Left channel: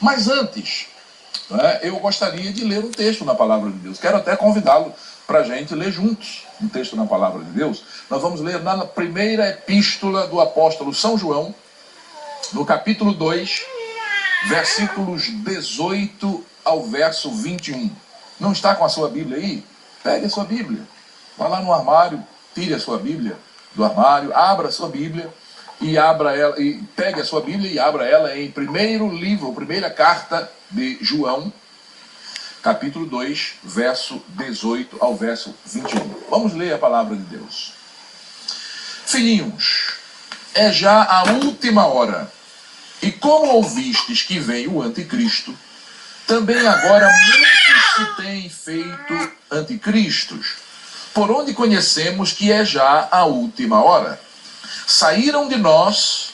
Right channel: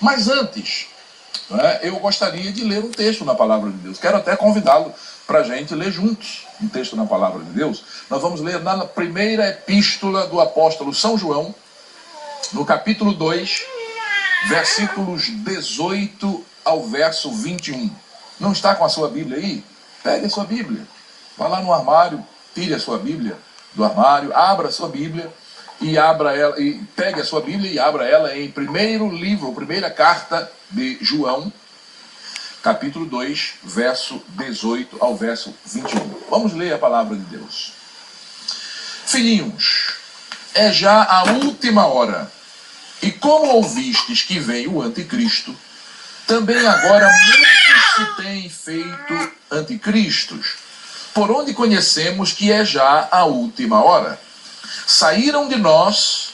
Mas antes, né, eu gostaria de ler um texto na Palavra de Deus. Quero até convidá-lo para a gente ler juntos um texto na Palavra de Deus. Nós vamos ler na primeira epístola do apóstolo São João, no capítulo 2, versículos 18 ao verso 21. Não está com a sua Bíblia aí? Pegue a sua Bíblia. Vá lá no armário, tire a sua Bíblia do armário, abra a sua Bíblia e abra ela, e pegue a sua Bíblia e abra ela em primeira carta de João, capítulo 2, verso 18 ao verso 21. Vamos ler a palavra de Deus. Filhinhos, é já a última hora, e como ouvistes que vem o anticristo, também agora muitos se têm feito anticristos, por onde conhecemos que é já a última hora. Saíram de nós,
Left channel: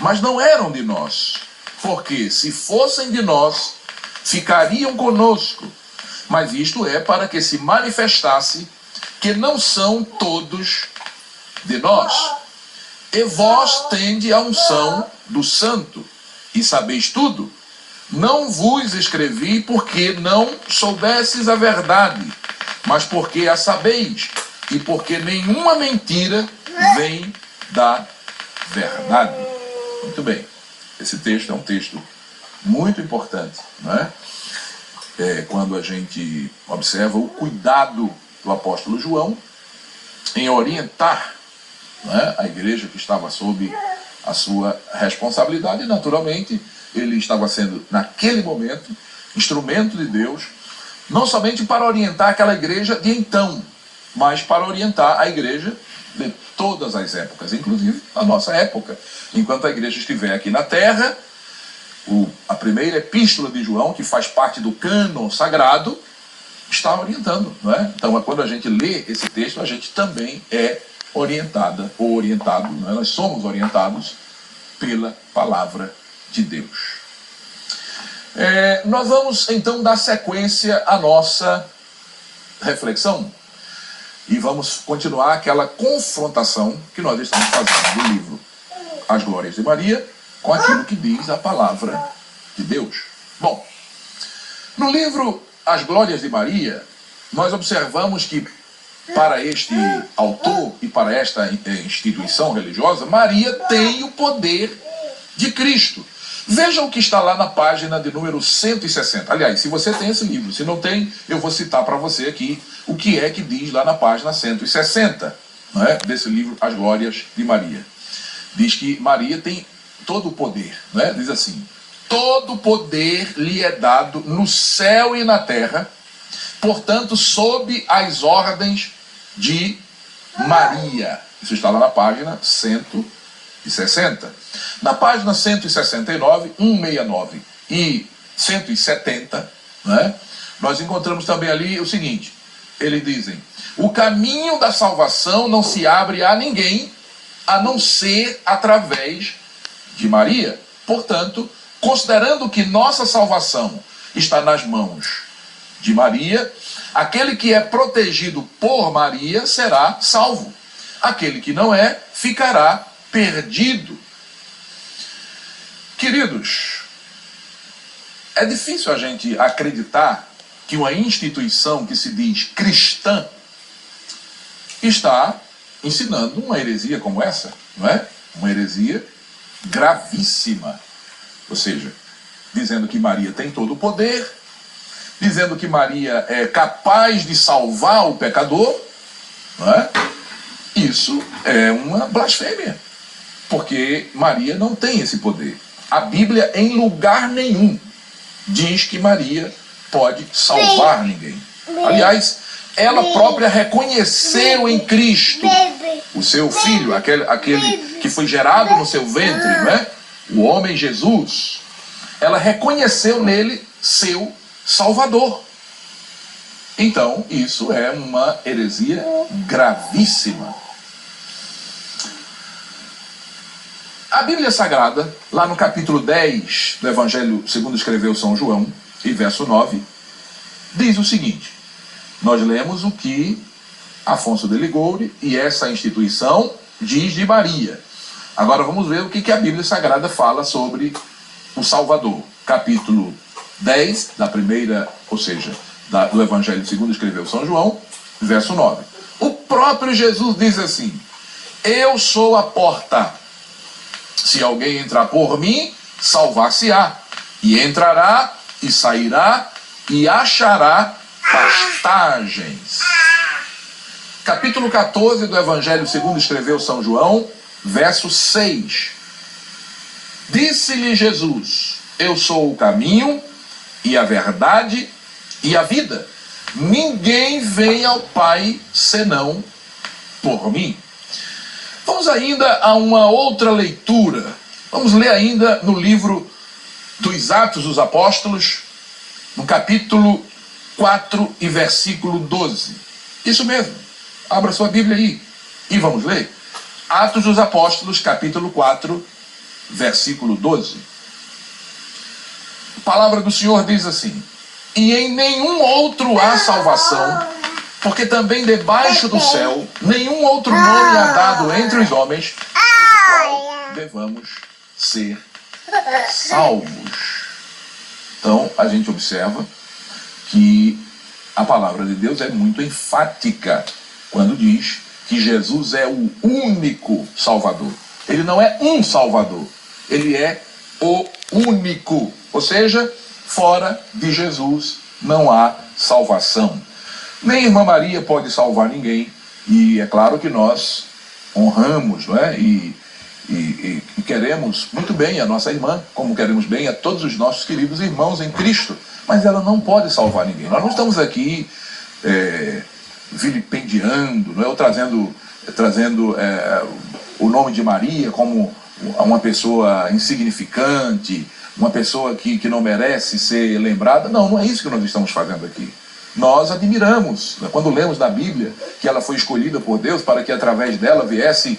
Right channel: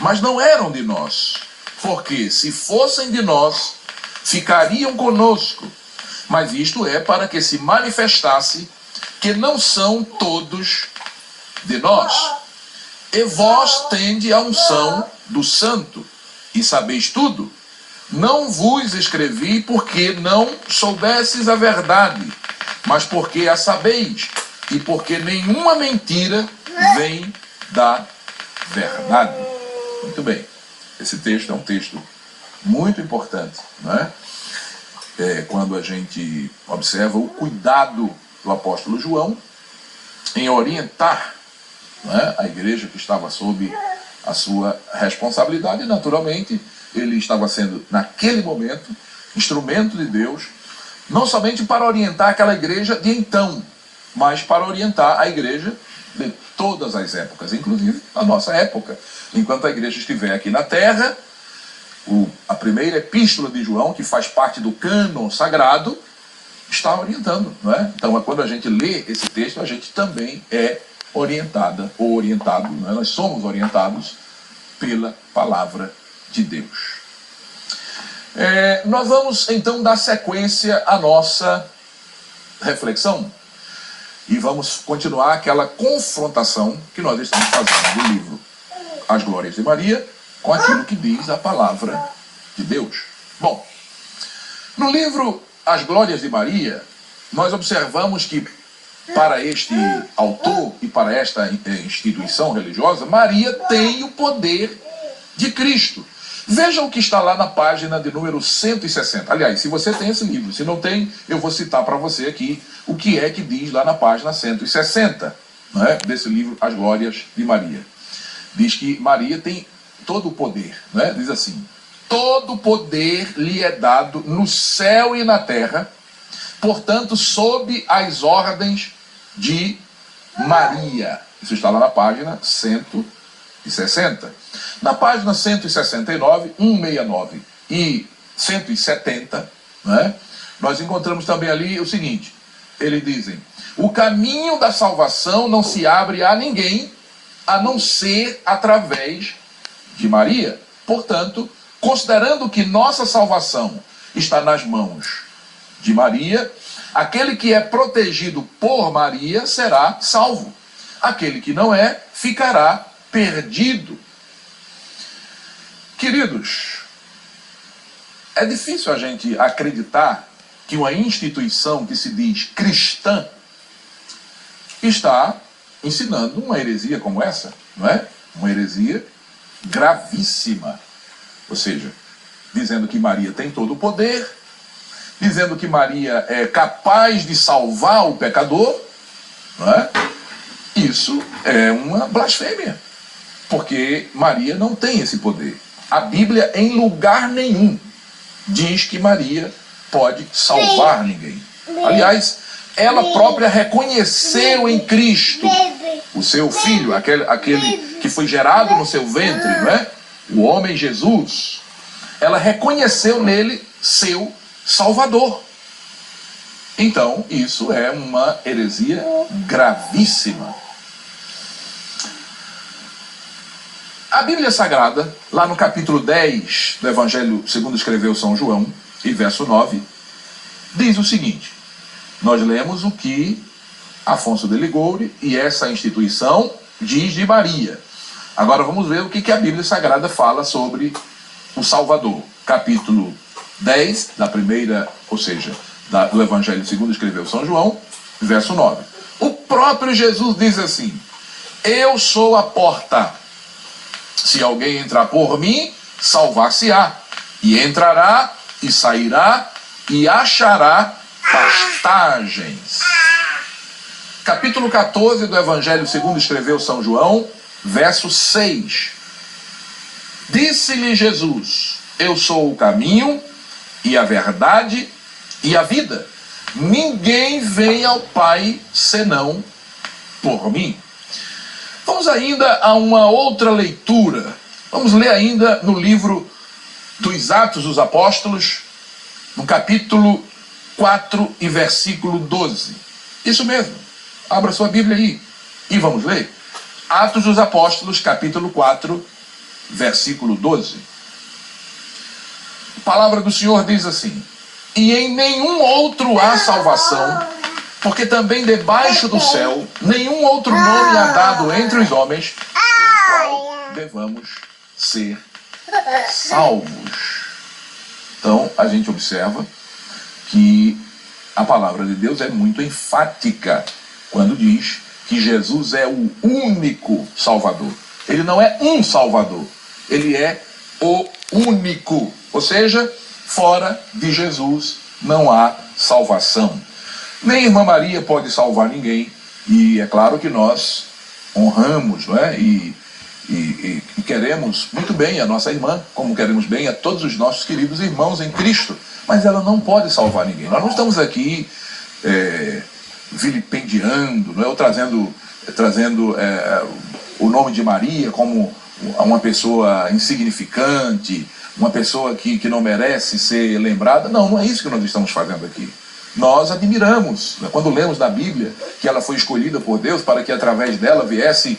mas não eram de nós, porque se fossem de nós, ficariam conosco. Mas isto é para que se manifestasse que não são todos de nós. E vós tende a unção do Santo, e sabeis tudo. Não vos escrevi porque não soubesses a verdade, mas porque a sabeis, e porque nenhuma mentira vem da verdade. Muito bem. Esse texto é um texto muito importante, não é? Quando a gente observa o cuidado do apóstolo João em orientar, não é, a igreja que estava sob a sua responsabilidade, e naturalmente ele estava sendo, naquele momento, instrumento de Deus, não somente para orientar aquela igreja de então, mas para orientar a igreja de todas as épocas, inclusive a nossa época. Enquanto a igreja estiver aqui na terra, a primeira epístola de João, que faz parte do cânon sagrado, está orientando, não é? Então, quando a gente lê esse texto, a gente também é orientada ou orientado, não é? Nós somos orientados pela palavra de Deus. Nós vamos então dar sequência à nossa reflexão e vamos continuar aquela confrontação que nós estamos fazendo do livro As Glórias de Maria com aquilo que diz a palavra de Deus. Bom, no livro As Glórias de Maria, nós observamos que para este autor e para esta instituição religiosa, Maria tem o poder de Cristo. Veja o que está lá na página de número 160. Aliás, se você tem esse livro, se não tem, eu vou citar para você aqui o que é que diz lá na página 160, não é? Desse livro As Glórias de Maria. Diz que Maria tem todo o poder, não é? Diz assim: todo poder lhe é dado no céu e na terra, portanto, sob as ordens de Maria. Isso está lá na página 160. Na página 169, 169 e 170, né, nós encontramos também ali o seguinte: eles dizem: o caminho da salvação não se abre a ninguém, a não ser através de Maria. Portanto, considerando que nossa salvação está nas mãos de Maria, aquele que é protegido por Maria será salvo. Aquele que não é, ficará perdido. Queridos, é difícil a gente acreditar que uma instituição que se diz cristã está ensinando uma heresia como essa, não é? Uma heresia gravíssima. Ou seja, dizendo que Maria tem todo o poder, dizendo que Maria é capaz de salvar o pecador, não é? Isso é uma blasfêmia, porque Maria não tem esse poder. A Bíblia, em lugar nenhum, diz que Maria pode salvar ninguém. Aliás, ela própria reconheceu em Cristo o seu filho, aquele que foi gerado no seu ventre, não é? O homem Jesus. Ela reconheceu nele seu Salvador. Então, isso é uma heresia gravíssima. A Bíblia Sagrada, lá no capítulo 10 do Evangelho segundo escreveu São João, e verso 9, diz o seguinte: nós lemos o que Afonso de Ligório e essa instituição diz de Maria. Agora vamos ver o que a Bíblia Sagrada fala sobre o Salvador. capítulo 10, da primeira, ou seja, do Evangelho segundo escreveu São João, verso 9. O próprio Jesus diz assim: eu sou a porta. Se alguém entrar por mim, salvar-se-á, e entrará e sairá e achará pastagens. Capítulo 14 do Evangelho segundo escreveu São João, verso 6. Disse-lhe Jesus: eu sou o caminho e a verdade e a vida. Ninguém vem ao Pai senão por mim. Vamos ainda a uma outra leitura. Vamos ler ainda no livro dos Atos dos Apóstolos, no capítulo 4 e versículo 12. Isso mesmo. Abra sua Bíblia aí e vamos ler. Atos dos Apóstolos, capítulo 4, versículo 12. A palavra do Senhor diz assim: e em nenhum outro há salvação, porque também debaixo do céu nenhum outro nome há dado entre os homens, pelo qual devamos ser salvos. Então, a gente observa que a palavra de Deus é muito enfática quando diz que Jesus é o único Salvador. Ele não é um Salvador, ele é o único. Ou seja, fora de Jesus não há salvação. Nem a irmã Maria pode salvar ninguém. E é claro que nós honramos, não é? E queremos muito bem a nossa irmã, como queremos bem a todos os nossos queridos irmãos em Cristo. Mas ela não pode salvar ninguém. Nós não estamos aqui vilipendiando, não é? Ou trazendo o nome de Maria como uma pessoa insignificante, uma pessoa que não merece ser lembrada. Não, não é isso que nós estamos fazendo aqui. Nós admiramos, né, quando lemos na Bíblia que ela foi escolhida por Deus para que através dela viesse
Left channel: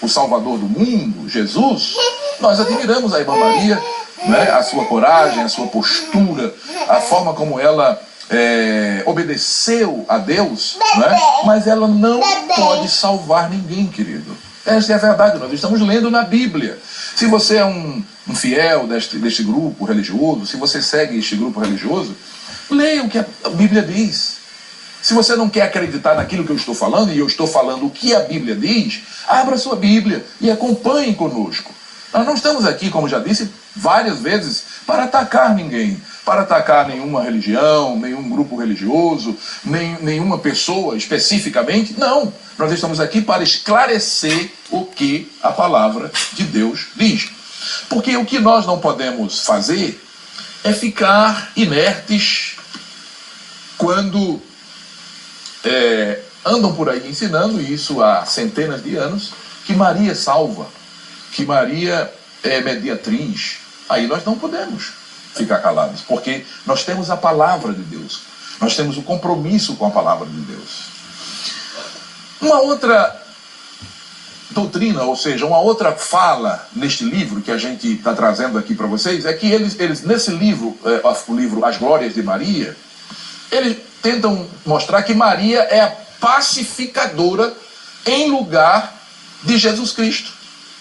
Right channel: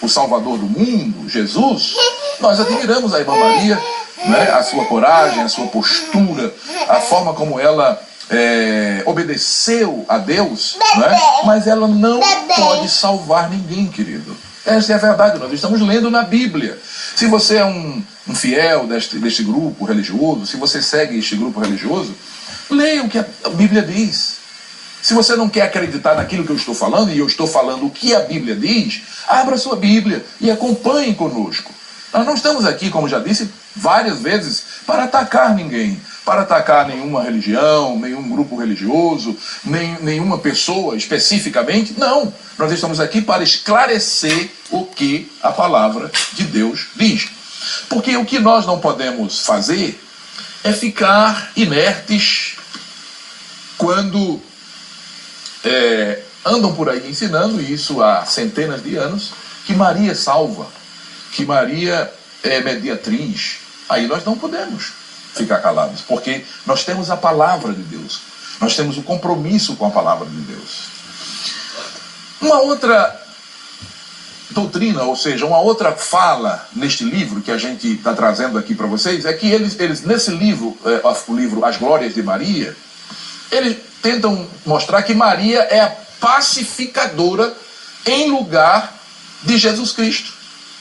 o Salvador do mundo, Jesus. Nós admiramos a irmã Maria, né, a sua coragem, a sua postura, a forma como ela obedeceu a Deus, né, mas ela não pode salvar ninguém, querido. Essa é a verdade, nós estamos lendo na Bíblia. Se você é um fiel deste grupo religioso, se você segue este grupo religioso, leia o que a Bíblia diz. Se você não quer acreditar naquilo que eu estou falando, e eu estou falando o que a Bíblia diz, abra sua Bíblia e acompanhe conosco. Nós não estamos aqui, como já disse várias vezes, para atacar ninguém, para atacar nenhuma religião, nenhum grupo religioso, nenhuma pessoa especificamente. Não, nós estamos aqui para esclarecer o que a palavra de Deus diz. Porque o que nós não podemos fazer é ficar inertes quando andam por aí ensinando, isso há centenas de anos, que Maria salva, que Maria é mediatriz. Aí nós não podemos ficar calados, porque nós temos a palavra de Deus, nós temos o compromisso com a palavra de Deus. Uma outra doutrina, ou seja, uma outra fala neste livro que a gente está trazendo aqui para vocês, é que eles nesse livro, o livro As Glórias de Maria, eles tentam mostrar que Maria é a pacificadora em lugar de Jesus Cristo.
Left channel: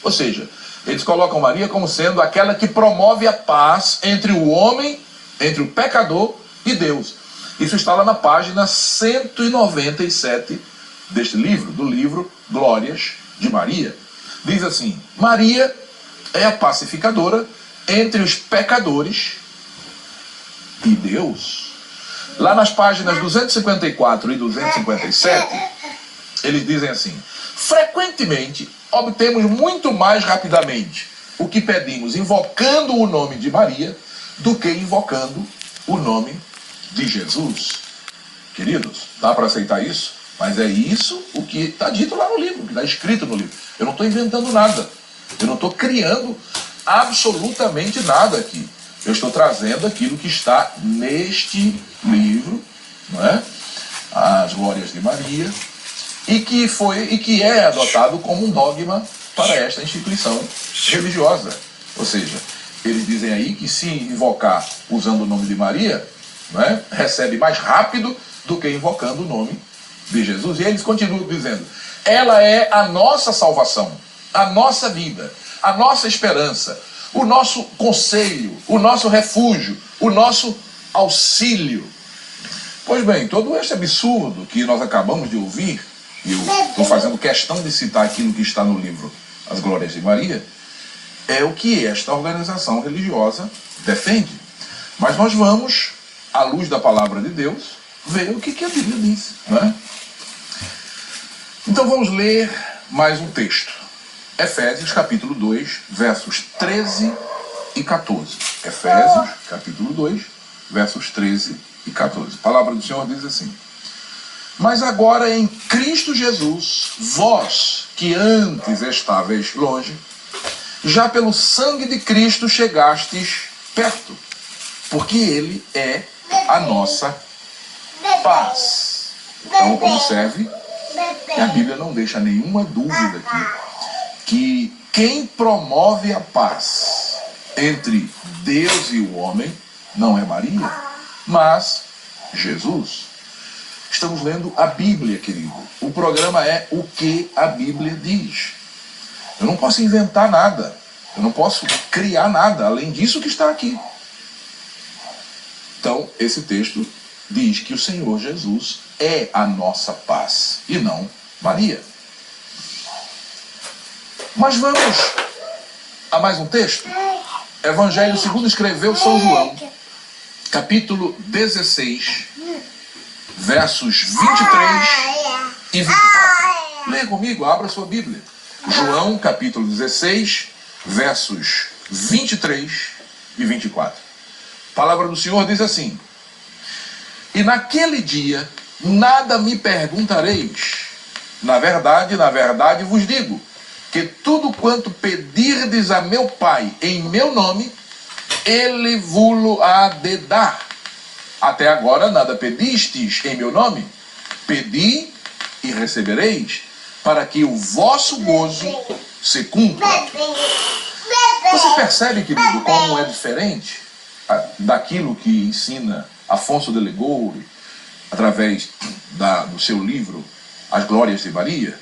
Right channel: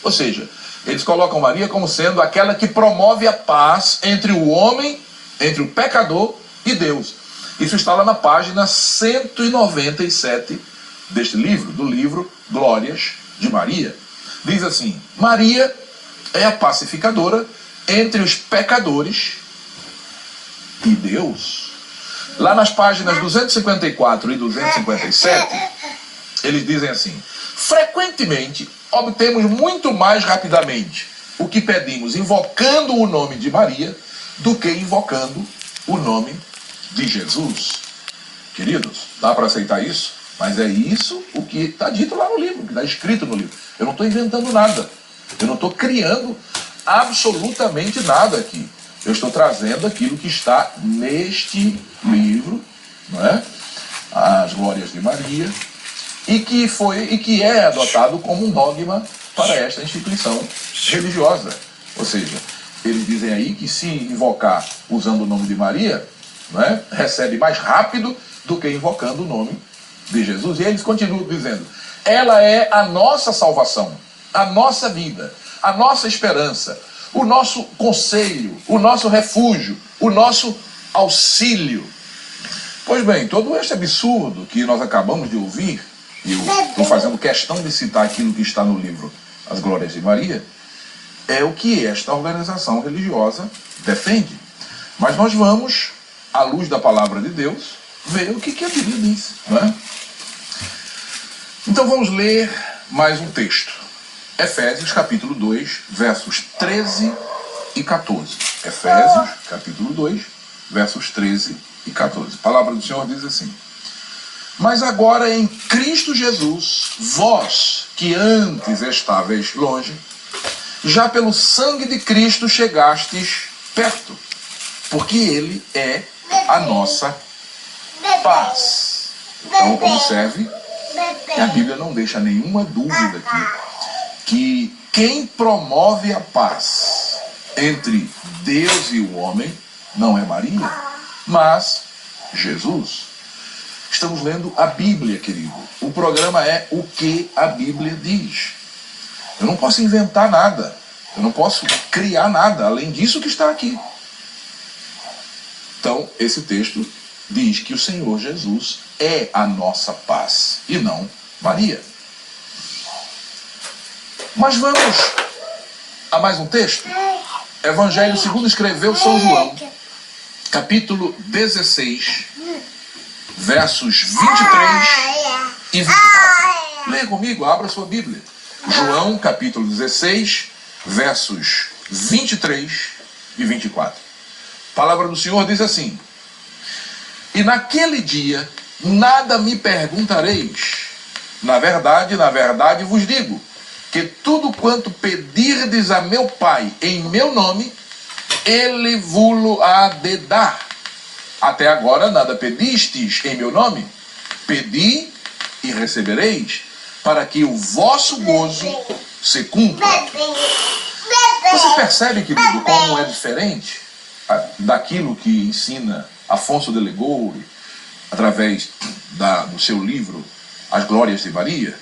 Ou seja, eles colocam Maria como sendo aquela que promove a paz entre o homem, entre o pecador e Deus. Isso está lá na página 197 deste livro, do livro Glórias de Maria. Diz assim: Maria é a pacificadora entre os pecadores e Deus. Lá nas páginas 254 e 257, eles dizem assim: frequentemente obtemos muito mais rapidamente o que pedimos invocando o nome de Maria do que invocando o nome de Jesus. Queridos, dá para aceitar isso? Mas é isso o que está dito lá no livro, que está escrito no livro. Eu não estou inventando nada. Eu não estou criando absolutamente nada aqui. Eu estou trazendo aquilo que está neste livro, não é? As Glórias de Maria, e que é adotado como um dogma para esta instituição religiosa. Ou seja, eles dizem aí que se invocar usando o nome de Maria, não é? Recebe mais rápido do que invocando o nome de Jesus. E eles continuam dizendo: ela é a nossa salvação, a nossa vida, a nossa esperança, o nosso conselho, o nosso refúgio, o nosso auxílio. Pois bem, todo este absurdo que nós acabamos de ouvir, e eu estou fazendo questão de citar aquilo que está no livro As Glórias de Maria, é o que esta organização religiosa defende. Mas nós vamos, à luz da palavra de Deus, ver o que a Bíblia diz, não é? Então vamos ler mais um texto. Efésios capítulo 2, versos 13 e 14. Efésios capítulo 2, versos 13 e 14. A palavra do Senhor diz assim: mas agora em Cristo Jesus, vós que antes estáveis longe, já pelo sangue de Cristo chegastes perto, porque Ele é a nossa paz. Então observe que a Bíblia não deixa nenhuma dúvida aqui, que quem promove a paz entre Deus e o homem não é Maria, mas Jesus. Estamos lendo a Bíblia, querido. O programa é o que a Bíblia diz. Eu não posso inventar nada. Eu não posso criar nada além disso que está aqui. Então, esse texto diz que o Senhor Jesus é a nossa paz e não Maria. Mas vamos a mais um texto. Evangelho segundo escreveu São João, capítulo 16, versos 23 e 24. Leia comigo, abra sua Bíblia. João, capítulo 16, versos 23 e 24. A palavra do Senhor diz assim: e naquele dia nada me perguntareis. Na verdade vos digo, que tudo quanto pedirdes a meu Pai em meu nome, Ele vos há de dar. Até agora nada pedistes em meu nome. Pedi e recebereis, para que o vosso gozo se cumpra. Você percebe, querido, como é diferente daquilo que ensina Afonso de Ligório através do seu livro As Glórias de Maria,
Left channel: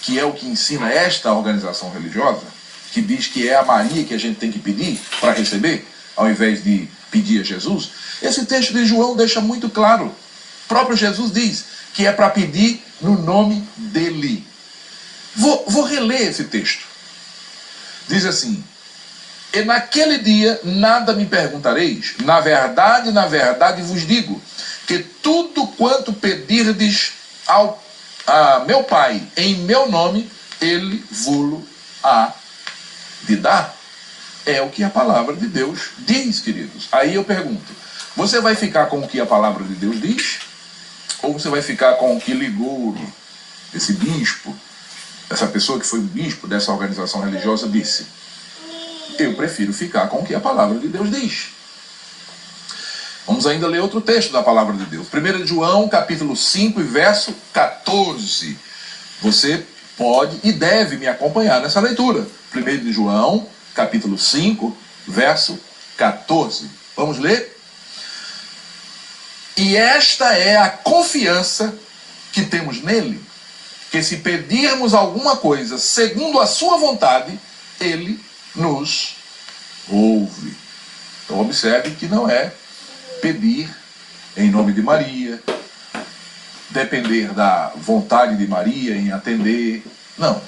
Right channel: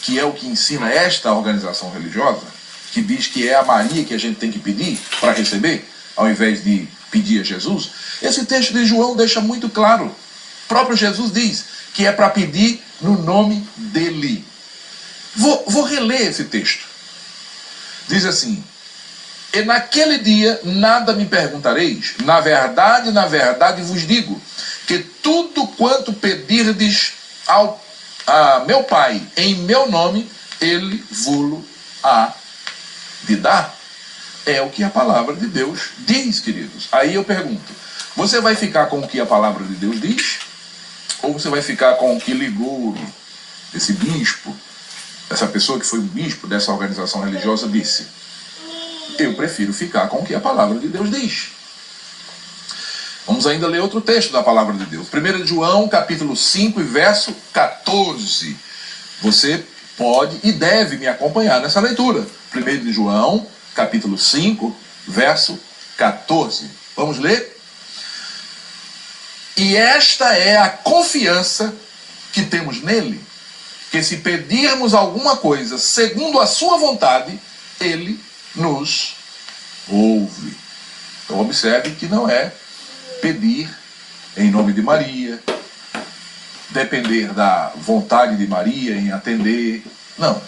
que é o que ensina esta organização religiosa, que diz que é a Maria que a gente tem que pedir para receber, ao invés de pedir a Jesus. Esse texto de João deixa muito claro. O próprio Jesus diz que é para pedir no nome dele. Vou reler esse texto. Diz assim: e naquele dia nada me perguntareis. Na verdade vos digo, que tudo quanto pedirdes a meu Pai em meu nome, Ele vos há de dar. É o que a palavra de Deus diz, queridos. Aí eu pergunto, você vai ficar com o que a palavra de Deus diz? Ou você vai ficar com o que Ligório, esse bispo, essa pessoa que foi o bispo dessa organização religiosa, disse? Eu prefiro ficar com o que a palavra de Deus diz. Vamos ainda ler outro texto da palavra de Deus. 1 João, capítulo 5, e verso 14. Você pode e deve me acompanhar nessa leitura. 1 João, capítulo 5, verso 14. Vamos ler? E esta é a confiança que temos nele, que se pedirmos alguma coisa segundo a sua vontade, ele nos ouve. Então observe que não é pedir em nome de Maria, depender da vontade de Maria em atender. Não.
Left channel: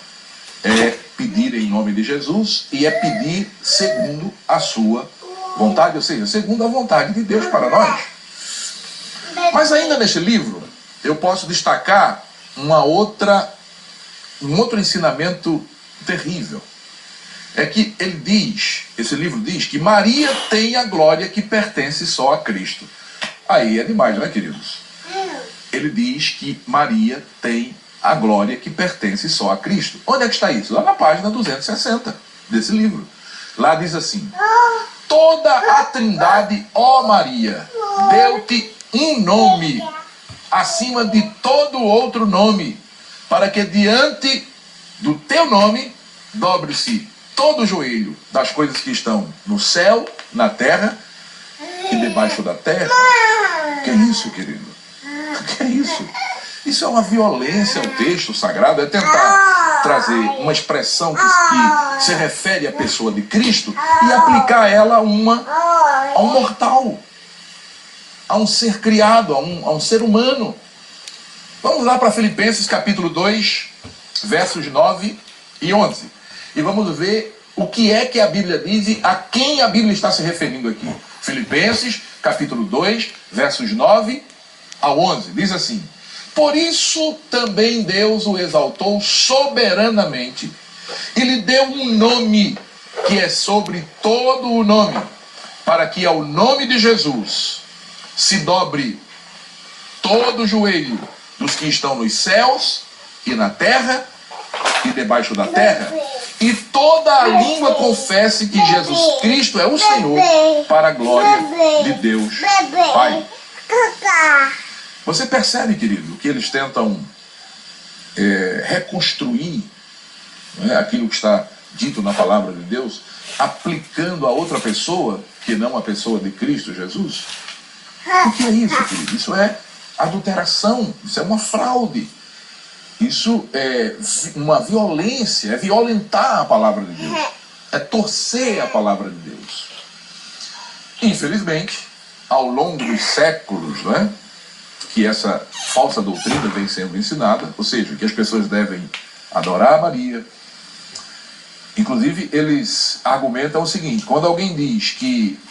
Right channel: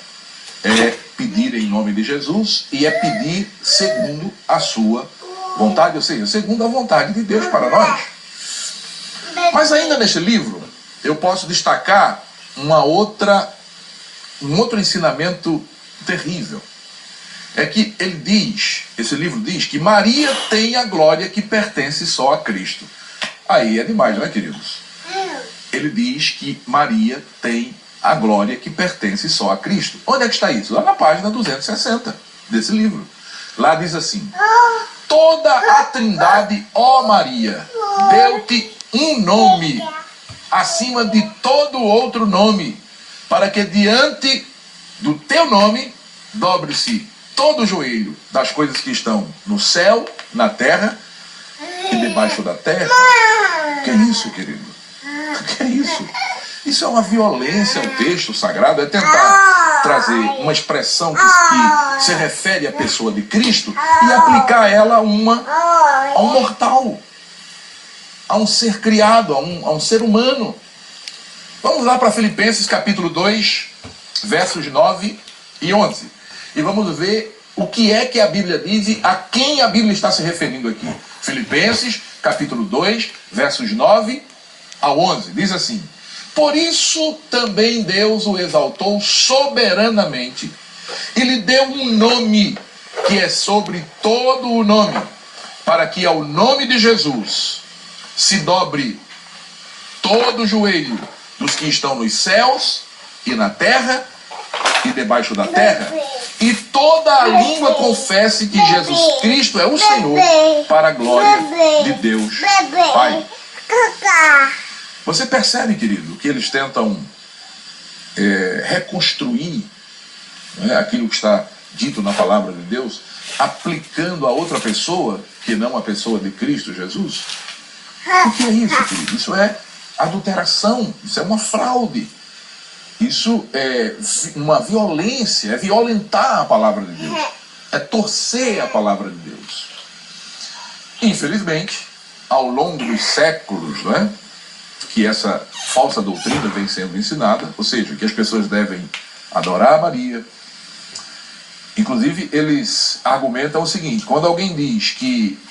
É pedir em nome de Jesus e é pedir segundo a sua vontade, ou seja, segundo a vontade de Deus para nós. Mas ainda neste livro, eu posso destacar um outro ensinamento terrível. É que ele diz, esse livro diz, que Maria tem a glória que pertence só a Cristo. Aí é demais, não é, queridos? Ele diz que Maria tem a glória que pertence só a Cristo. Onde é que está isso? Lá na página 260 desse livro. Lá diz assim: toda a Trindade, ó Maria, deu-te um nome acima de todo outro nome, para que diante do teu nome dobre-se todo o joelho das coisas que estão no céu, na terra e debaixo da terra. Que é isso, querido? Que é isso? Isso é uma violência ao texto sagrado, é tentar trazer uma expressão que se refere à pessoa de Cristo e aplicar ela a um mortal, a um ser criado, a um ser humano. Vamos lá para Filipenses capítulo 2, versos 9 e 11. E vamos ver o que é que a Bíblia diz e a quem a Bíblia está se referindo aqui. Filipenses capítulo 2, versos 9 a 11. Diz assim: por isso também Deus o exaltou soberanamente e lhe deu um nome que é sobre todo o nome, para que ao nome de Jesus se dobre todo o joelho dos que estão nos céus e na terra e debaixo da terra, e toda a língua confesse que Jesus Cristo é o Senhor, para a glória de Deus Pai. Você percebe, querido, que eles tentam reconstruir, né, aquilo que está dito na palavra de Deus, aplicando a outra pessoa, que não a pessoa de Cristo Jesus? O que é isso, querido? Isso é adulteração, isso é uma fraude, isso é uma violência, é violentar a palavra de Deus, é torcer a palavra de Deus. Infelizmente, ao longo dos séculos, né, que essa falsa doutrina vem sendo ensinada, ou seja, que as pessoas devem adorar a Maria. Inclusive, eles argumentam o seguinte: quando alguém diz que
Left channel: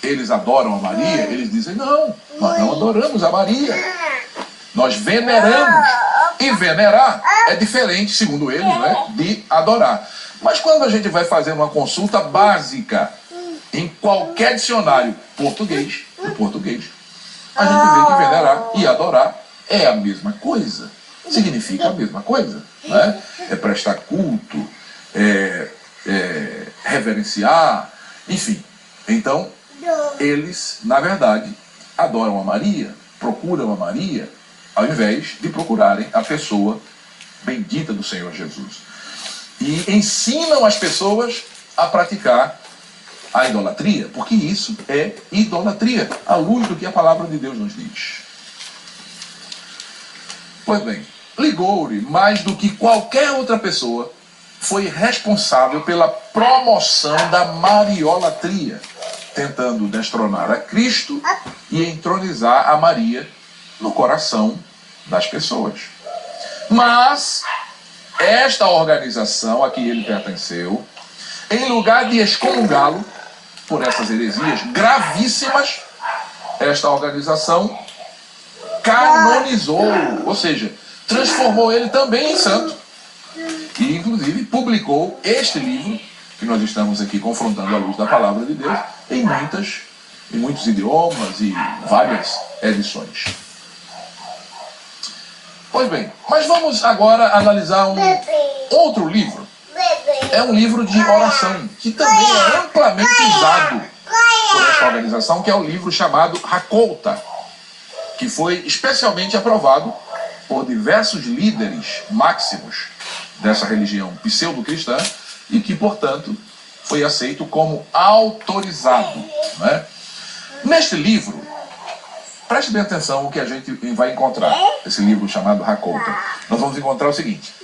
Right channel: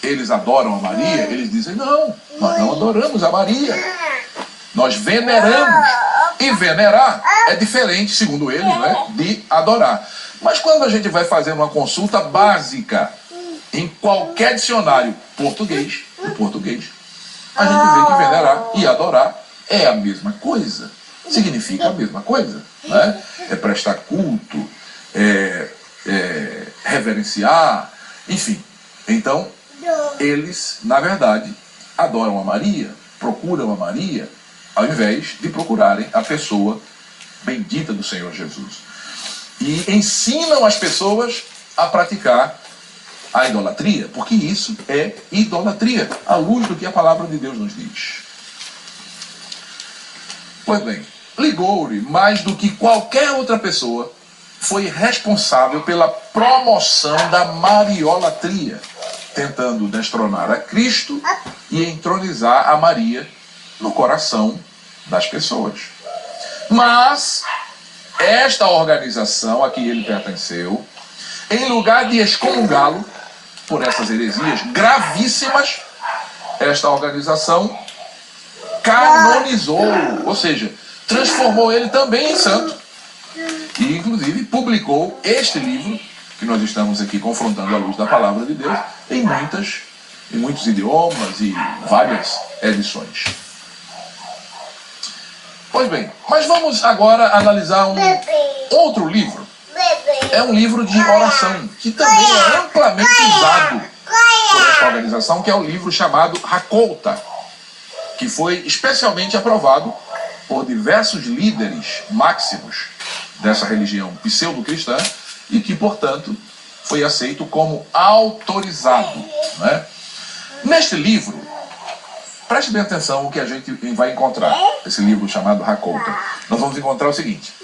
eles adoram a Maria, eles dizem: não, nós não adoramos a Maria, nós veneramos. E venerar é diferente, segundo eles, né, de adorar. Mas quando a gente vai fazer uma consulta básica em qualquer dicionário português, a gente vê que venerar e adorar é a mesma coisa, significa a mesma coisa, né? É prestar culto, reverenciar, enfim. Então, eles, na verdade, adoram a Maria, procuram a Maria, ao invés de procurarem a pessoa bendita do Senhor Jesus. E ensinam as pessoas a praticar a idolatria, porque isso é idolatria, à luz do que a palavra de Deus nos diz. Pois bem, Ligoury, mais do que qualquer outra pessoa, foi responsável pela promoção da mariolatria, tentando destronar a Cristo e entronizar a Maria no coração das pessoas. Mas esta organização a que ele pertenceu, em lugar de excomungá-lo por essas heresias gravíssimas, esta organização canonizou, ou seja, transformou ele também em santo. E, inclusive, publicou este livro, que nós estamos aqui confrontando à luz da palavra de Deus, em muitos idiomas e várias edições. Pois bem, mas vamos agora analisar um outro livro. É um livro de oração, que também é amplamente usado por esta organização, que é o livro chamado Hakolta, que foi especialmente aprovado por diversos líderes máximos dessa religião pseudo-cristã e que, portanto, foi aceito como autorizado, né? Neste livro, preste bem atenção o que a gente vai encontrar, esse livro chamado Hakolta. Nós vamos encontrar o seguinte:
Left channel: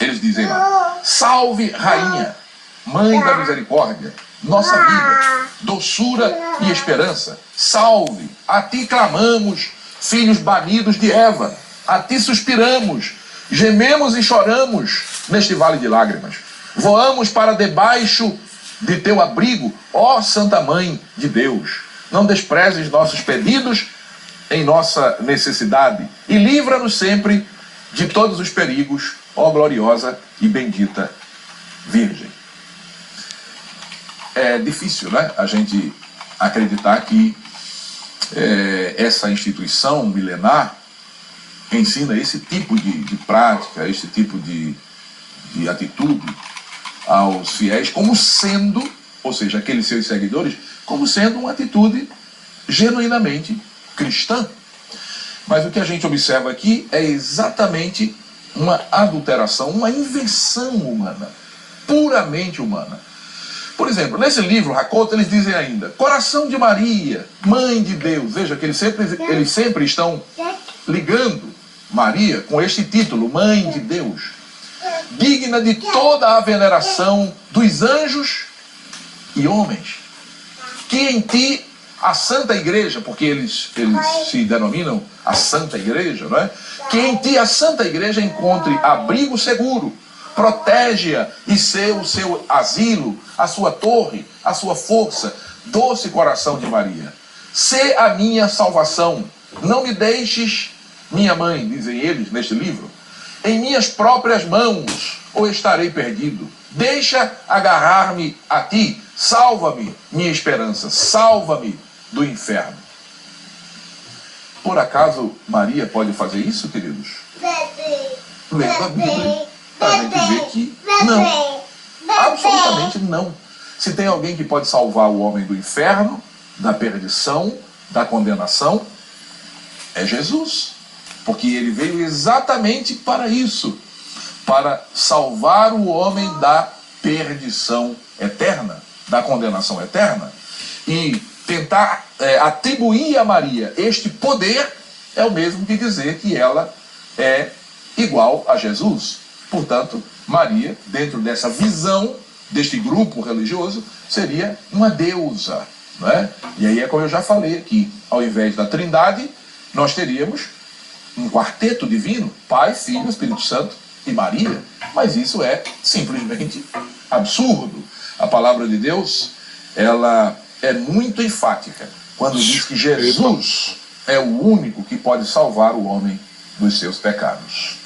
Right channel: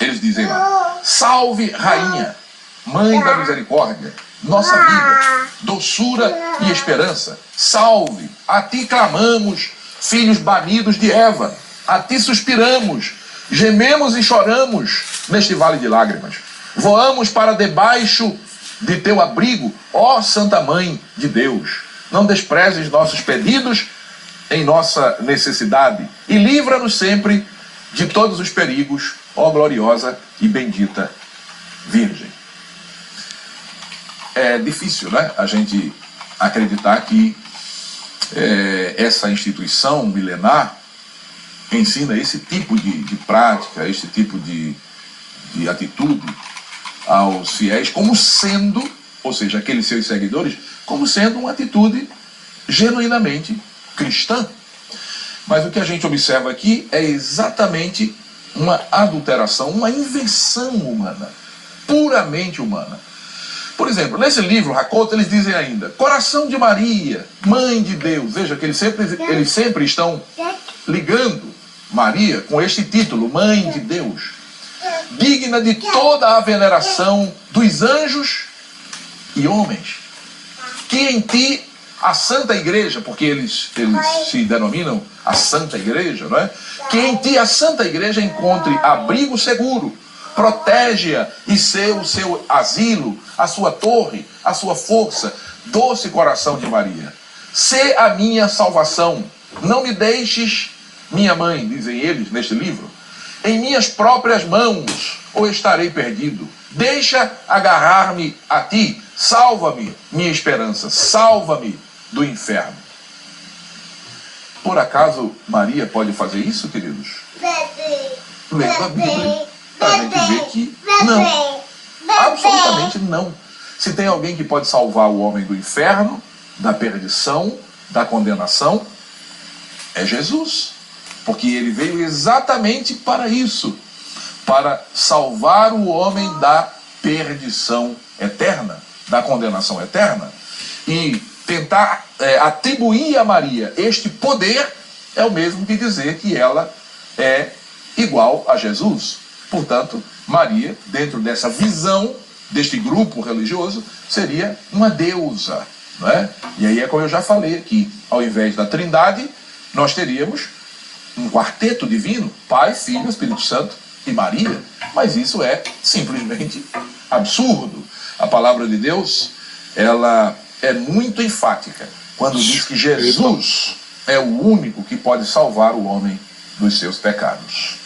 eles dizem lá: salve, rainha, mãe da misericórdia, nossa vida, doçura e esperança. Salve, a ti clamamos, filhos banidos de Eva, a ti suspiramos, gememos e choramos neste vale de lágrimas. Voamos para debaixo de teu abrigo, ó Santa Mãe de Deus. Não desprezes nossos pedidos em nossa necessidade e livra-nos sempre de todos os perigos, ó gloriosa e bendita Virgem. É difícil, né, a gente acreditar que essa instituição milenar ensina esse tipo de prática, esse tipo de atitude aos fiéis, como sendo, ou seja, aqueles seus seguidores, como sendo uma atitude genuinamente cristã. Mas o que a gente observa aqui é exatamente uma adulteração, uma invenção humana, puramente humana. Por exemplo, nesse livro, Hakolta, eles dizem ainda: coração de Maria, mãe de Deus. Veja que eles sempre estão ligando Maria com este título, mãe de Deus. digna de toda a veneração dos anjos e homens, que em ti a Santa Igreja, porque eles se denominam a Santa Igreja, não é? Que em ti a Santa Igreja encontre abrigo seguro, protege-a e ser o seu asilo, a sua torre, a sua força, doce coração de Maria. Sê a minha salvação, não me deixes, minha mãe, dizem eles neste livro, em minhas próprias mãos, ou estarei perdido. Deixa agarrar-me a ti, salva-me, minha esperança, salva-me do inferno. Por acaso Maria pode fazer isso, queridos? Lendo a Bíblia, a gente vê que não. Absolutamente não. Se tem alguém que pode salvar o homem do inferno, da perdição, da condenação, é Jesus. Porque ele veio exatamente para isso, para salvar o homem da perdição eterna, da condenação eterna. E tentar atribuir a Maria este poder é o mesmo que dizer que ela é igual a Jesus. Portanto, Maria, dentro dessa visão deste grupo religioso, seria uma deusa, não é? E aí é como eu já falei aqui, ao invés da Trindade, nós teríamos um quarteto divino, Pai, Filho, Espírito Santo e Maria. Mas isso é simplesmente absurdo. A palavra de Deus, ela é muito enfática quando diz que Jesus é o único que pode salvar o homem dos seus pecados.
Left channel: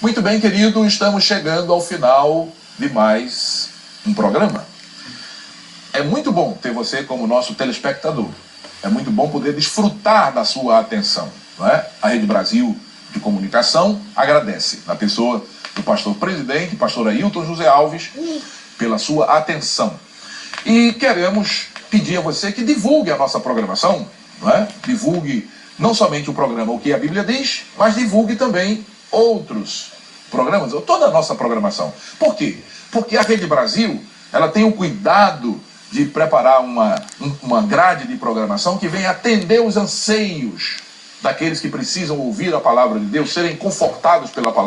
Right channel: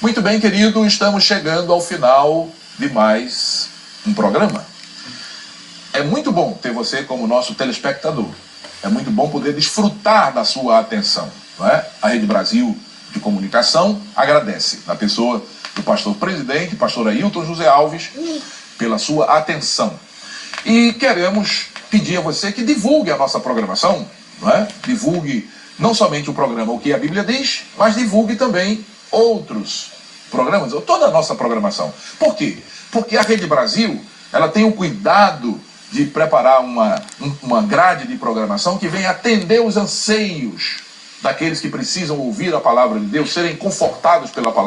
Muito bem, querido, estamos chegando ao final de mais um programa. É muito bom ter você como nosso telespectador. É muito bom poder desfrutar da sua atenção, não é? A Rede Brasil de Comunicação agradece, na pessoa do pastor presidente, pastor Ailton José Alves, pela sua atenção. E queremos pedir a você que divulgue a nossa programação, não é? Divulgue não somente o programa O que a Bíblia Diz, mas divulgue também outros programas, ou toda a nossa programação. Por quê? Porque a Rede Brasil, ela tem o cuidado de preparar uma grade de programação que venha atender os anseios daqueles que precisam ouvir a palavra de Deus, serem confortados pela palavra